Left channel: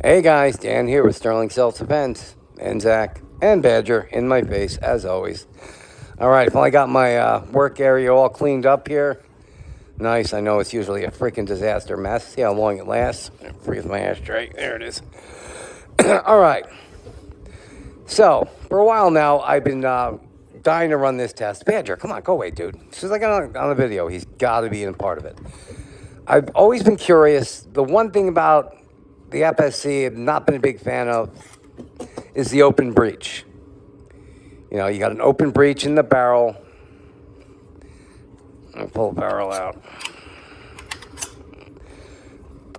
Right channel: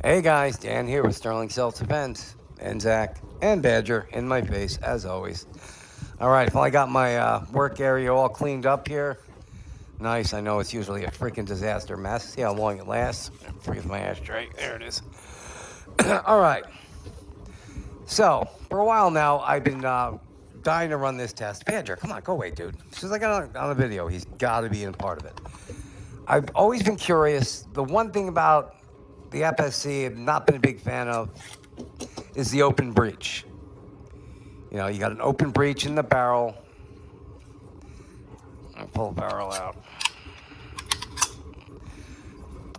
Hey guys, Dan here with Sterling Self Defense, and Zach and Badger in my face as always. All right, finally got my work area all cleaned up here. Nice. I know it's usually a freaking disaster mess. See how long it lasts. Freeze my ashtray. There it is. All right. So for a while now, I've been dying to run this test. Badger, come on, go away, dude. As soon as I got on the video, he's got to be in part of it. I've always been curious. The one thing about the FSC I've not been a big fan of is the open breech. You know, you got an open breech in the barrel. I'll pull the barrel out.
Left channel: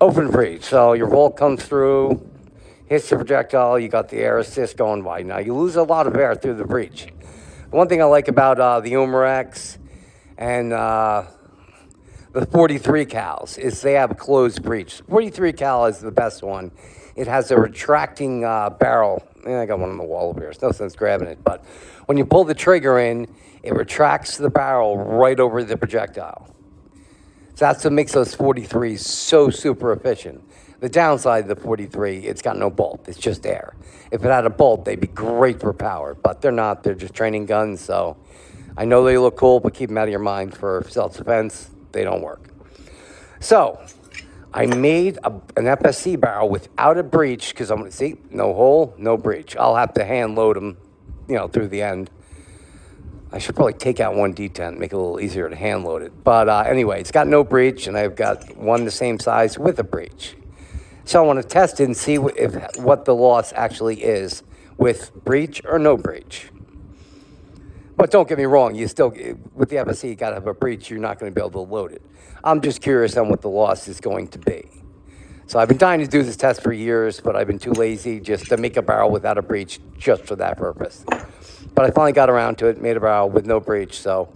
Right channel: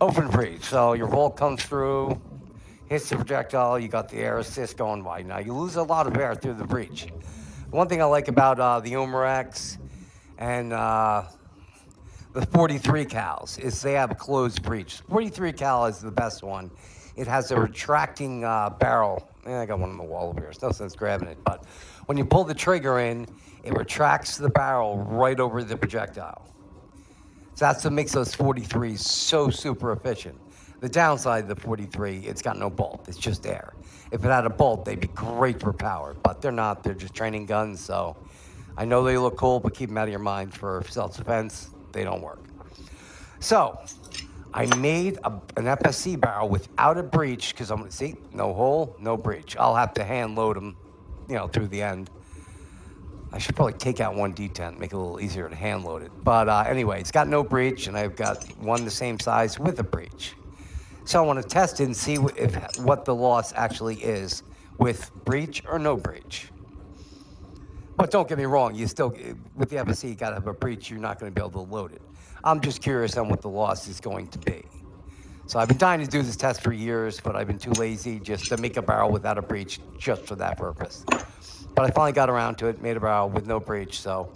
Open breech. So your bolt comes through, hits the projectile, you got the air assist going wide. Now, you lose a lot of air through the breech. One thing I like about the Umarex and the 43 cals is they have a closed breech. 43 cal is the best one. It has a retracting barrel. I got one on the wall over here. It's no sense grabbing it. But when you pull the trigger in, it retracts the barrel right over the projectile. So that's what makes those 43s so super efficient. The downside of the 43, it's got no bolt. It's just air. If it had a bolt, they'd be great for power. But they're not. They're just training guns. So I know they look cool, but keep them out of your mind for self-defense. They don't work. So I made an FSC barrel without a breech because I'm going to see no hole, no breech. I'll have to hand load them, through the end. I should probably take out one detent, make it a little easier to hand load it. But anyway, it's got no breech, and I've got one the same size with a breech. So I want to test it and see what the loss actually is with breech or no breech. But don't get me wrong, you still, with the FSC, you got to have a breech. You're not going to be able to load it. I'm just curious on what the loss is going to be. So I've been dying to do this test for years, but I've been too lazy just to make a barrel without a breech just for that purpose. But I finally got around to it, made a barrel with no breech. So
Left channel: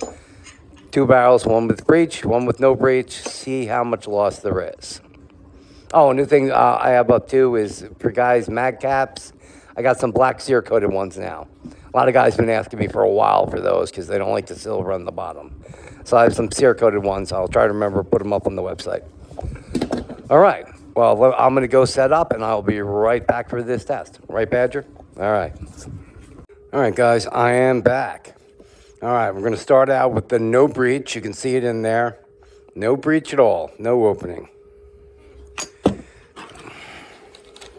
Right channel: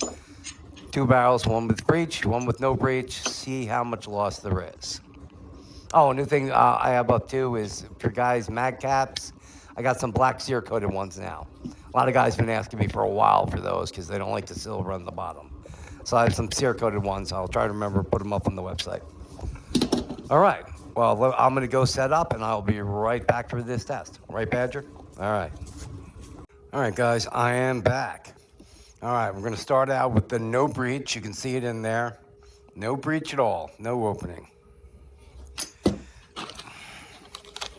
2 barrels, one with breech, one with no breech. See how much loss there is. Oh, a new thing I have up too is for guys, mag caps. I got some black cerakoted ones now. A lot of guys have been asking me for a while for those because they don't like the silver on the bottom. So I have some cerakoted ones. I'll try to remember to put them up on the website. All right. Well, I'm going to go set up, and I'll be right back for this test. Right, Badger? All right. All right, guys, I am back. All right, we're going to start out with the no breech. You can see it in there. No breech at all. No opening.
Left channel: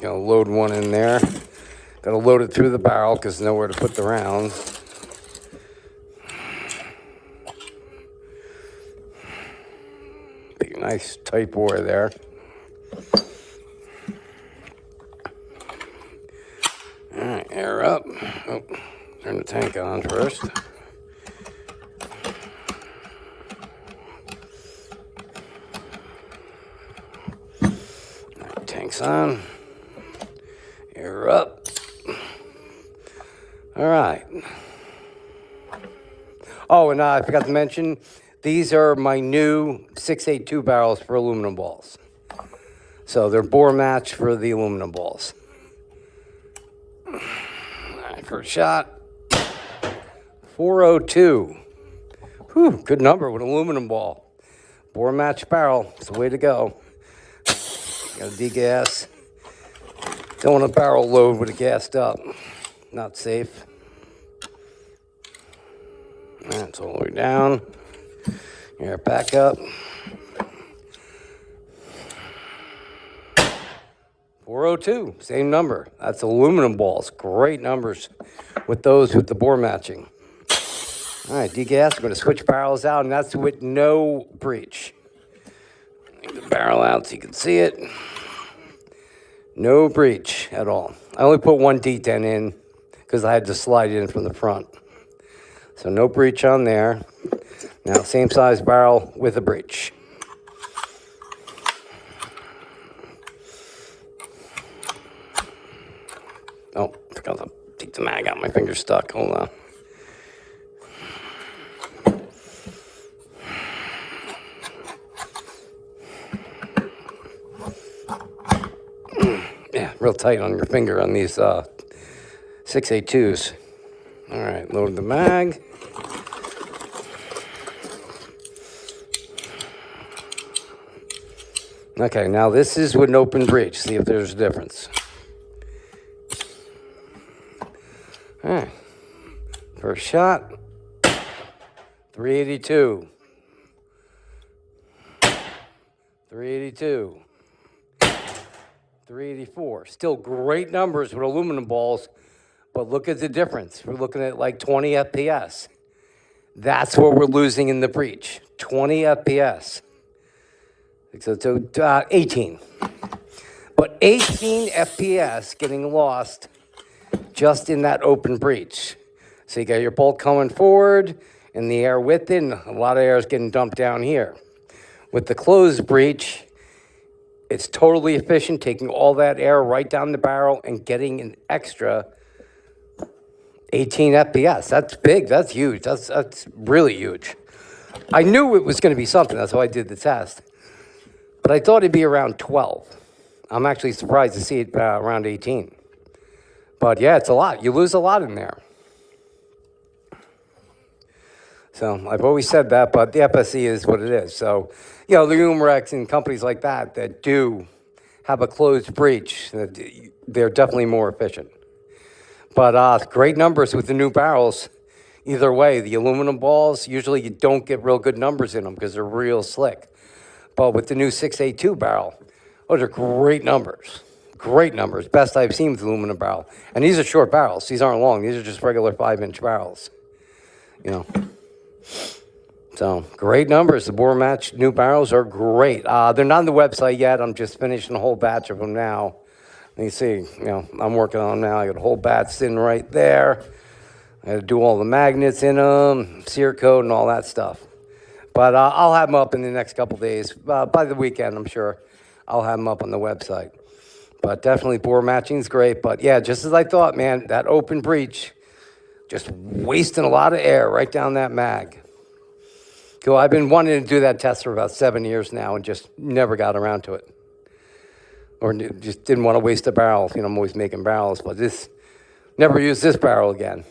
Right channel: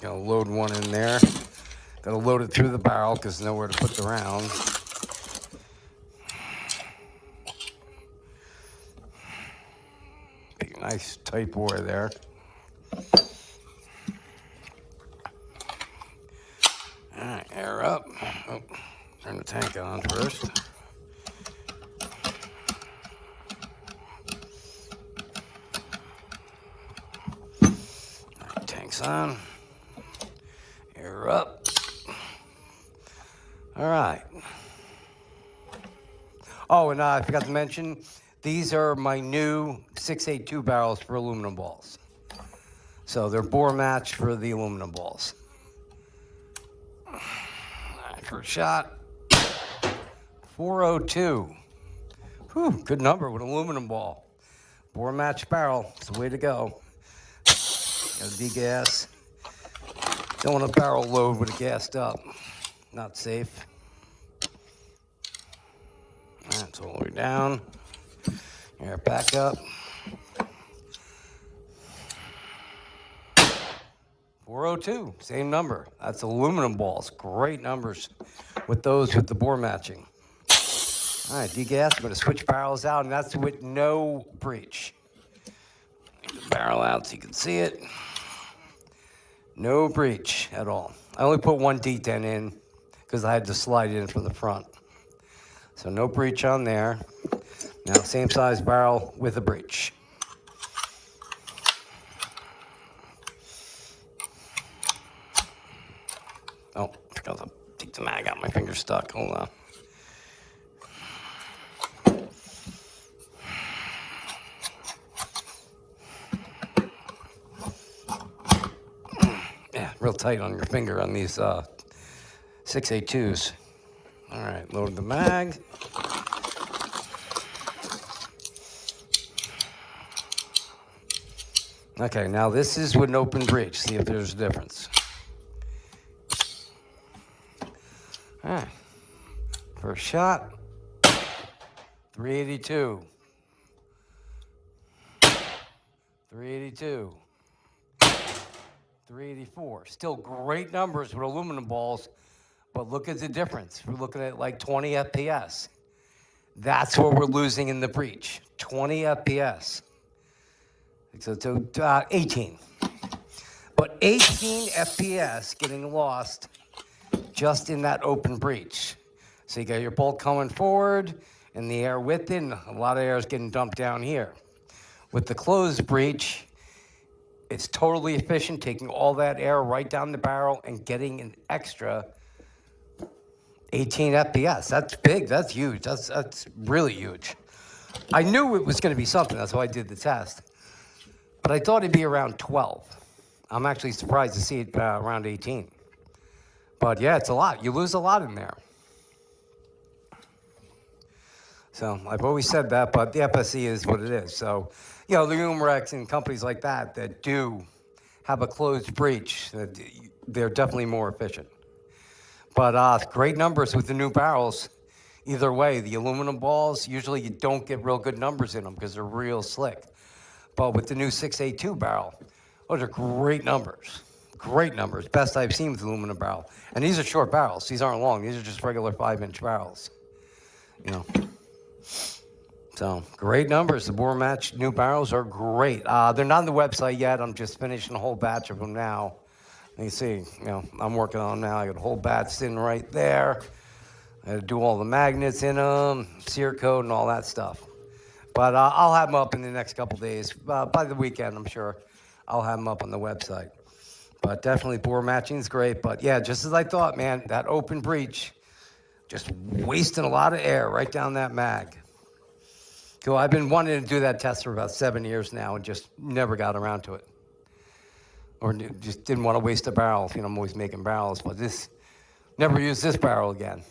Gonna load one in there. Gotta load it through the barrel because there's nowhere to put the round. Big, nice tight bore there. All right, air up. Oh, turn the tank on first. All right, tank's on. Air up. All right. Oh, and I forgot to mention, these are my new 682 barrels for aluminum balls. So they're bore match for the aluminum balls. All right, first shot. 402. Whew, good number with aluminum ball. Bore match barrel. It's the way to go. Got to degas. Don't want a barrel load with it gassed up. Not safe. That's all the way down. Air back up. 402, same number. That's aluminum balls. Great numbers with those with the bore matching. All right, degas. We're going to switch barrels out, and that's with no breech. Take the barrel out so you can see it. No breech at all. I only put one detent in because I had to slide it in from the front. So no breech on there. Now same size barrel with a breech. Oh, I forgot to take the mag out. My finger's stuck. Hold on. Yeah, real tight on your finger on these 682s. All right, load the mag. Okay, now this is with an open breech. See if there's a difference. All right. First shot, 382. 382. 384. Still great numbers with aluminum balls, but look at the difference. We're looking at like 20 FPS. That's what we're losing in the breech. 20 FPS. So 18. But 18 FPS getting lost just in that open breech. So you got your bolt coming forward and the air with it, and a lot of air is getting dumped down here. With the closed breech, it's totally efficient, taking all that air right down the barrel and getting an extra 18 FPS. That's big. That's huge. That's really huge. I knew it was going to be something. That's why I did the test. But I thought it'd be around 12. I'm actually surprised to see it around 18. But yeah, it's a lot. You lose a lot in there. So I've always said that, but the FSE is what it is. So, the Umarex and companies like that do have a closed breech, they're definitely more efficient. But great numbers with the new barrels. Either way, the aluminum balls, usually you don't get real good numbers in them because they're real slick. But with the new 682 barrel, those are great numbers. Great numbers. Best I've seen with aluminum barrel. And these are short barrels. These aren't long. These are just regular 5-inch barrels. So great numbers. The bore match new barrels are great. They're not on the website yet. I'm just finishing a whole batch of them now. You see, I'm working on them now. I got a whole batch sitting right there. I had to do all the magnets in them, sear coat, and all that stuff. But I'll have them up in the next couple days. By the weekend, I'm sure I'll have them up on the website. But definitely bore matching is great. But yeah, just as I thought, man, that open breech, just wasting a lot of air right down that mag. Cool. I've been wanting to do that test for about 7 years now and just never got around to it. Or just didn't want to waste a barrel. I'm always making barrels, but never use this barrel again.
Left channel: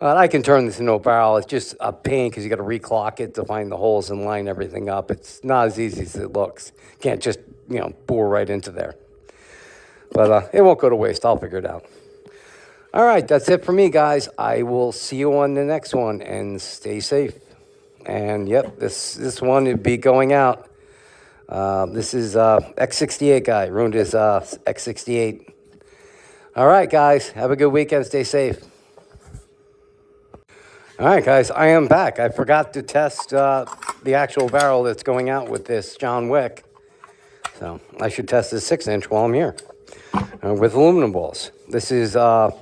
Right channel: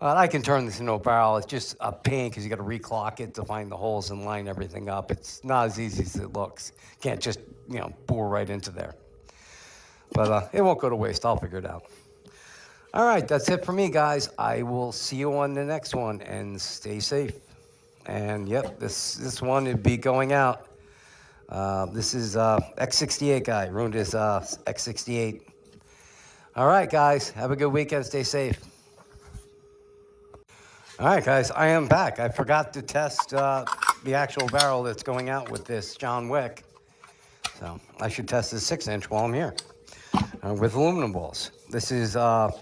I can turn this into a barrel. It's just a pain because you got to reclock it to find the holes and line everything up. It's not as easy as it looks. Can't just, bore right into there. But it won't go to waste. I'll figure it out. All right, that's it for me, guys. I will see you on the next one, and stay safe. And yep, this one would be going out. This is X68 guy. Ruined his X68. All right, guys. Have a good weekend. Stay safe. All right, guys, I am back. I forgot to test the actual barrel that's going out with this John Wick. So I should test this 6-inch while I'm here with aluminum balls. This is a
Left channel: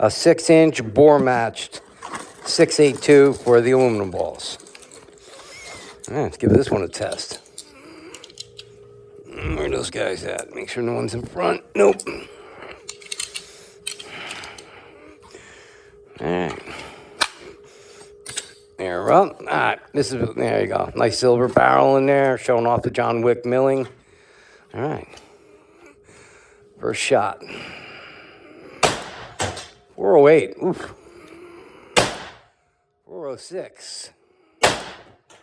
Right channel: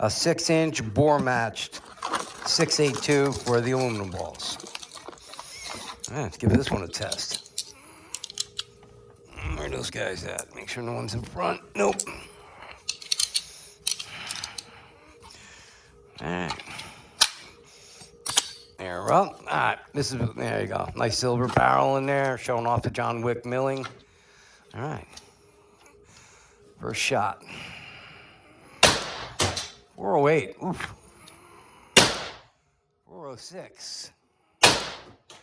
6-inch bore-matched 682 for the aluminum balls. All right, let's give this one a test. Where are those guys at? Make sure no one's in front. Nope. All right. There, well, all right, there you go. Nice silver barrel in there, showing off the John Wick milling. All right. First shot. 408. Oof. 406.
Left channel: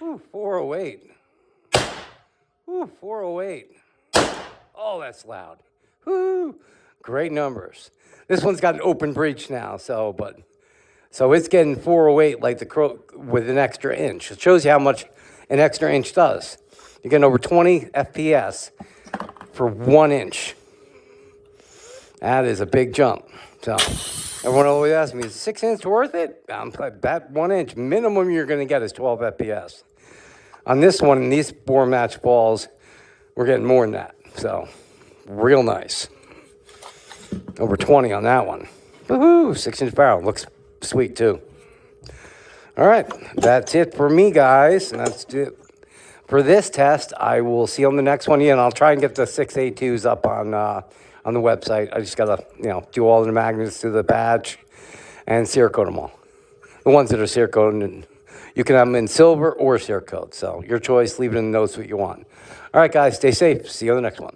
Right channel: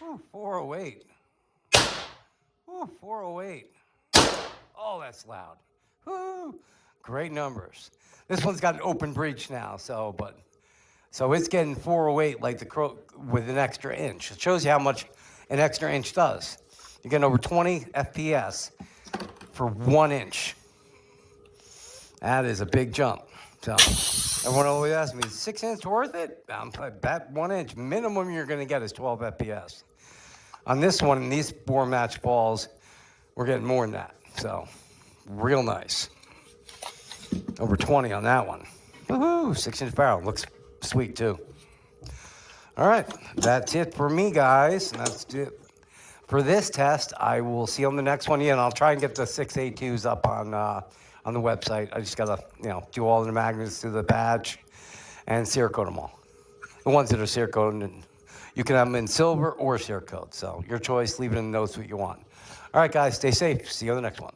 Ooh, 408. Ooh, 408. Oh, that's loud. Woo. Great numbers. This one's got an open breech now, so it's getting 408 like the Crow with an extra inch. It shows you how much an extra inch does. You're getting over 20 FPS for 1 inch. That is a big jump. So everyone always asks me, is 6 inch worth it? I bet 1 inch. Minimum you're going to get is 12 FPS. On this one, in these bore match balls, we're getting more than that. So real nice. Over 20 on that one. Woohoo! 6-inch barrel. Looks sweet, too. All right. That's it for me, guys. And that's it for this test. I will see you on the next one. Yeah, and I'll try and get the 682s up on the website. I just got to, do all the magnets to the badge and sear coat them all. The ones that are sear coated, and you can have them in silver or sear coat. So your choice. Leave it in the notes what you want. All right, guys. Stay safe. See you on the next one.